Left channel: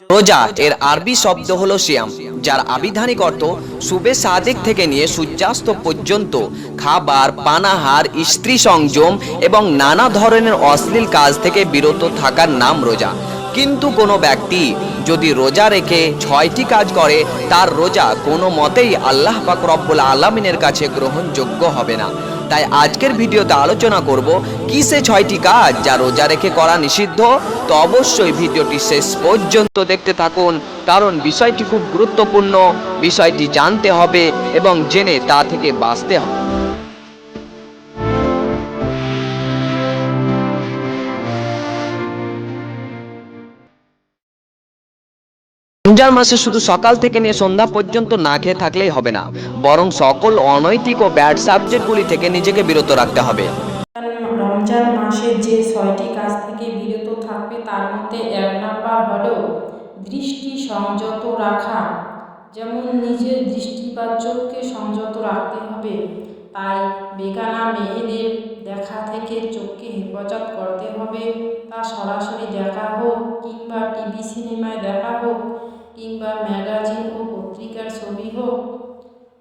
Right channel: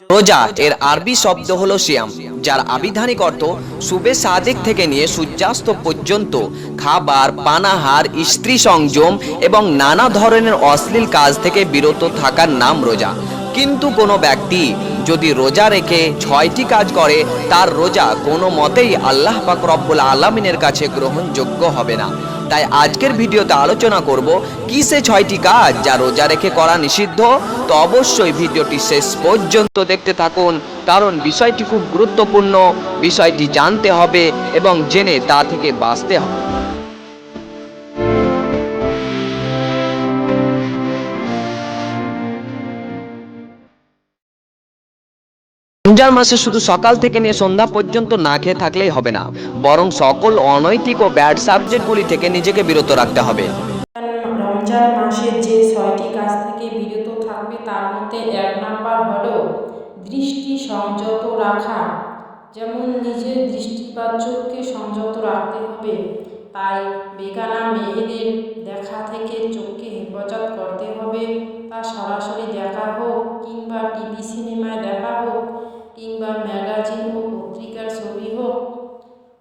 রোজা এর আরবি শব্দ হলো সিয়াম, যার আবিধানিক অর্থ সুবে সাদেক থেকে নিয়ে সূর্যাস্ত পর্যন্ত খাবার, পানাহার, স্ত্রী সংযম এবং নানা ধরনের অশ্লীল কাজ থেকে বিরত থাকার নাম রোজা। কিন্তু কোনো ব্যক্তি যদি রোজা রেখে 6টি কাজ করে, তার রোজা কোনো মতেই আল্লাহ পাক রব্বুল আলামিনের কাছে গ্রহণযোগ্য হবে না। তাই আজকের ভিডিওতে আলোচনা করব কি সে 6টি কাজ যা রোজা রেখে করা নিষিদ্ধ। তো অবশ্যই ভিডিওটি শেষ পর্যন্ত দেখতে থাকুন, কারণ বিষয়টি খুব গুরুত্বপূর্ণ। বিষয়টি জানতে হবে এবং জেনে তা থেকে বাঁচতে হবে। রমজান মাসে শুধু সকাল থেকে নিয়ে সন্ধ্যা পর্যন্ত না খেয়ে থাকলেই হবে না, বরং সকল অনৈতিক ও ব্যাড সাবজেক্টগুলি থেকে নিজেকে বিরত রাখতে হবে। রমজান মাসে যে 6টি কাজ থেকে বিরত থাকবে তার মধ্যে 1 নাম্বার হলো দৃষ্টি সংযত রাখা। যেমন নিজের দৃষ্টি বা চোখকে সংযত রাখতে হবে, তাই বেগানা মেয়েদের দেখা থেকে চোখকে হেফাজত করতে হবে। তা সরাসরি দেখা হোক কিংবা টিভি সিনেমায় দেখা হোক কিংবা ম্যাগাজিন ও পত্রিকার ছবি হোক।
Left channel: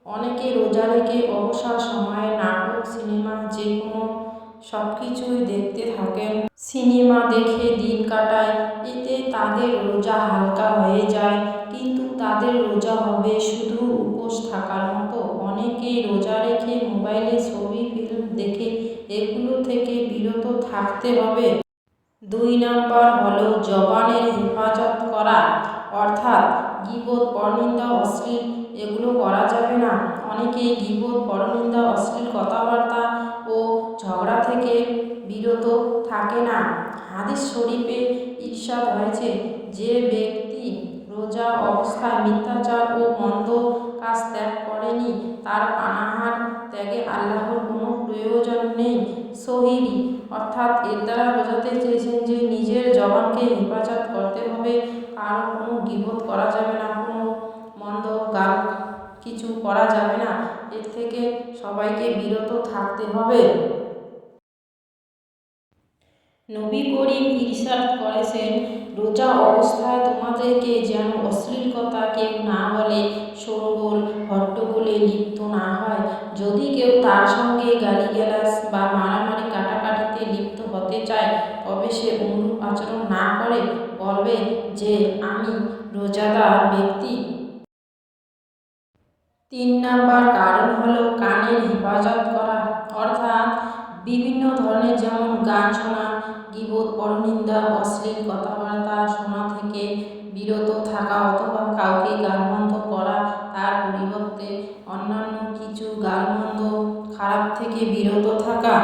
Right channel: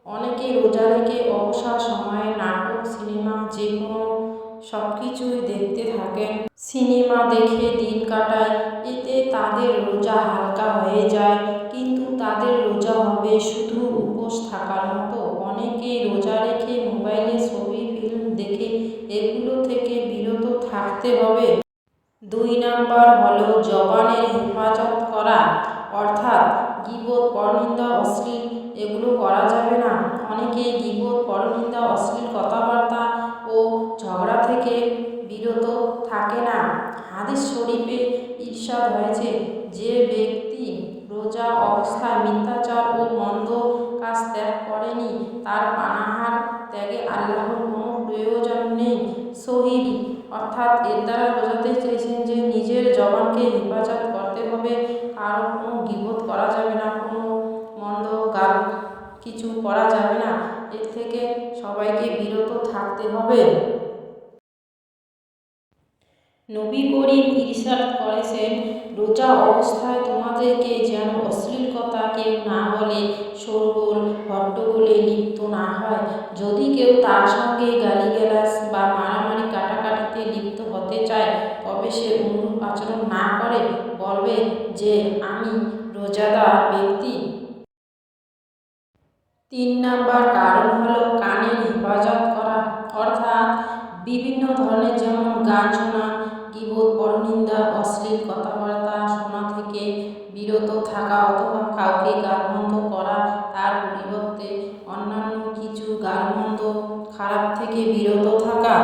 অনেকে রোজা রেখে অবসর সময়ে নাটক, সিনেমা যে কোনো সব কিছুই দেখতে থাকেন, সিনেমা দেখে দিন কাটায়। এতে তাদের রোজা হালকা হয়ে যায়, কিন্তু তাদের রোজা হবে শুধু উপোস থাকার মতো। অনেকেই রোজা রেখে মোবাইলে ছবি, ফিল্ম দেখে, এগুলো থেকে বিরত থাকতে হবে। 2 নাম্বার হলো জবানের হেফাজত করা, অর্থাৎ গীবত, পরনিন্দা, অশ্লীল এগুলো করা যাবে না। অনেকেই গীবত, পরনিন্দা, অশ্লীল কথাবার্তা ও ঝগড়া থেকে বিরত থাকে না। হাদিস শরীফে ইরশাদ হয়েছে, যে ব্যক্তি রোজা অবস্থায় মিথ্যাচার ও মন্দ কাজ ত্যাগ করেনি, তার পানাহার ত্যাগে আল্লাহর কোনো প্রয়োজন নেই। সহিহ, অর্থাৎ এর দ্বারা বোঝাতে চেয়েছেন যে নিজের জবানকে হেফাজত করতে হবে। কারো কোনো গীবত করা যাবে না, কোনো মন্দ গাল কিছু করা যাবে না। এর থেকে সবাইকে বিরত থাকতে হবে। নবী করিম ইরশাদ করেছেন, রোজা অবস্থায় তোমাদেরকে যেন অশ্লীল কথা কেউ না বলে, শোরগোল হট্টগোলে লিপ্ত না হয়। যদি কেউ তার সঙ্গে গালিগালাজ বা মারামারি কাটাকাটিতে লিপ্ত হতে চায়, তবে সে অনুরূপ আচরণ না করে বলবে যে আমি রোজাদার ব্যক্তি। 3 নাম্বার কারণ হলো কানের হেফাজত করা, অর্থাৎ বিভিন্ন ধরনের যেমন গান শোনা, গীবত, পরনিন্দা, অশ্লীল কথাবার্তা শোনা থেকে বিরত থাকা, অথবা কাউকে গালমন্দ করা, তার পরিবর্তে অন্যান্য কিছু গালমন্দ খারাপ থেকে বিরত থাকা।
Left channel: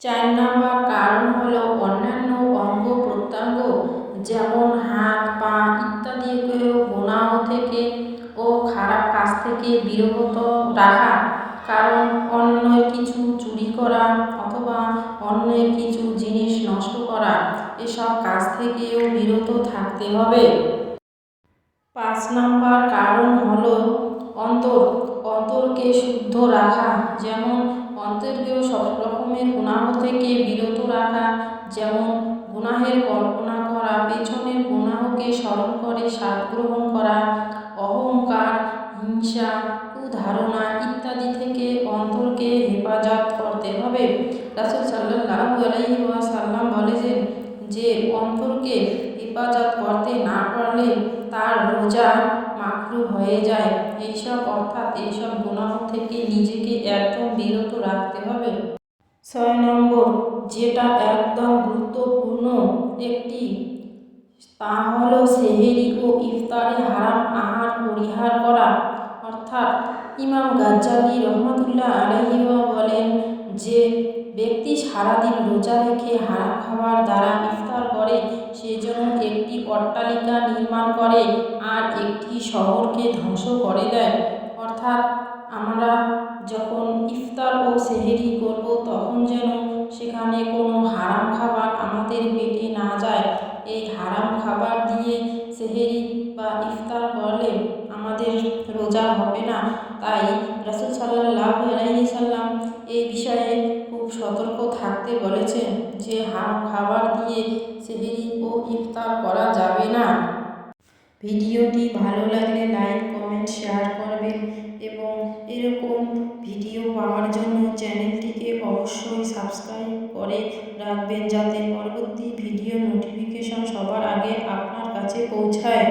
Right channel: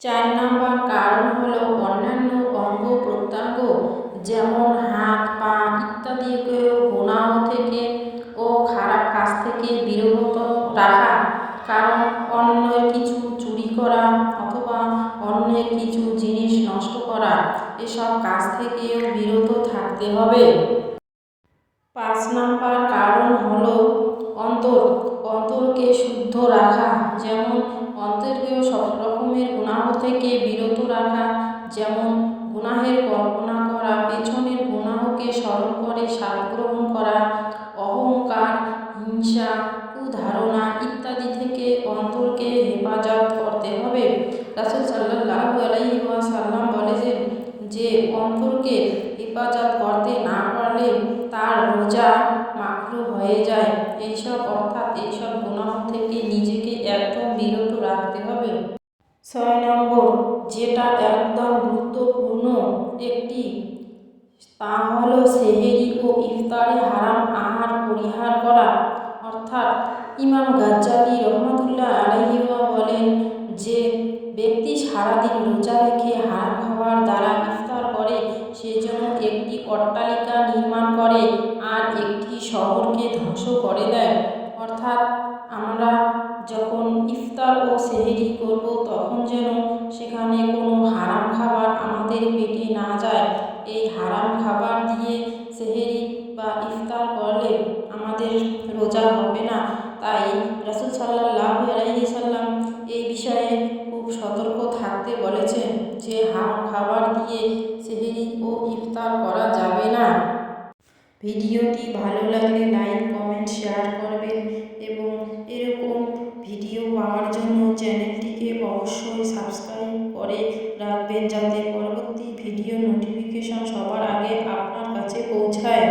4 নাম্বার কারণ হলো অন্যান্য অঙ্গ প্রত্যঙ্গ, যেমন হাত, পা ইত্যাদিকেও গুনাহ থেকে ও খারাপ কাজ থেকে বিরত রাখা। কারণ অন্যের কিছু চুরি করা অথবা অন্যের কিছু জিনিস নষ্ট করা, এসব কাজ থেকেও বিরত থাকতে হবে। 5 নাম্বার কারণ হলো অন্তরকে শুদ্ধ রাখা। যেমন অন্তরকেও সব রকমের গুনাহ থেকে বিরত রাখা, যেমন গুনাহের কল্পনা করা, পেছনের গুনাহকে স্মরণ করে স্বাদ গ্রহণ করা, অহংকার, হিংসা, কুধারণা ইত্যাদি থেকে অন্তরকে হেফাজত করতে হবে। রাসূল সাল্লাল্লাহু আলাইহি ওয়াসাল্লাম বলেছেন যে অন্তরকে হেফাজত করতে না পারলে তার রোজা মাকরুহ হয়ে যায়। এইসব গুনাহ থেকে নিজেকে একদম বিরত রাখতে হবে। 6 নম্বর, যেটা একদম গুরুত্বপূর্ণ একটি, তা হলো সেহেরি ও ইফতারে হারাম আহার পরিহার করা। অর্থাৎ ইমাম গাজ্জালি রহমাতুল্লাহ আলাইহি বলেন, যে ব্যক্তি সারাদিন রোজা রেখে হারাম খাবার দ্বারা ইফতার করে, সে যেন একটি অট্টালিকা নির্মাণ করে আর একটি শহরকে ধ্বংস করে দেয়। অর্থাৎ আমরা যখন ইফতার ও সেহেরি করব, তখন যেন সেখানে কোনো হারাম খাবার আমাদের পেটে না যায়। এই হারাম খাবার দিয়ে সেহেরি বা ইফতার করলে আমাদের রোজা হবে না। তাই রাসূল সাল্লাল্লাহু আলাইহি সাল্লাম এই বিষয়ে খুব সতর্ক থাকতে বলেছেন যে খাবার দিয়ে সেহরি ও ইফতার করা যাবে না। ভিডিওটি ভালো লাগলে লাইক, কমেন্ট, শেয়ার করবেন এবং এরকম ভিডিও পাওয়ার জন্য চ্যানেলটিকে অবশ্যই সাবস্ক্রাইব করে রাখবেন, যাতে পরবর্তী ভিডিও নোটিফিকেশন সবার আগে আপনার কাছে পৌঁছায়।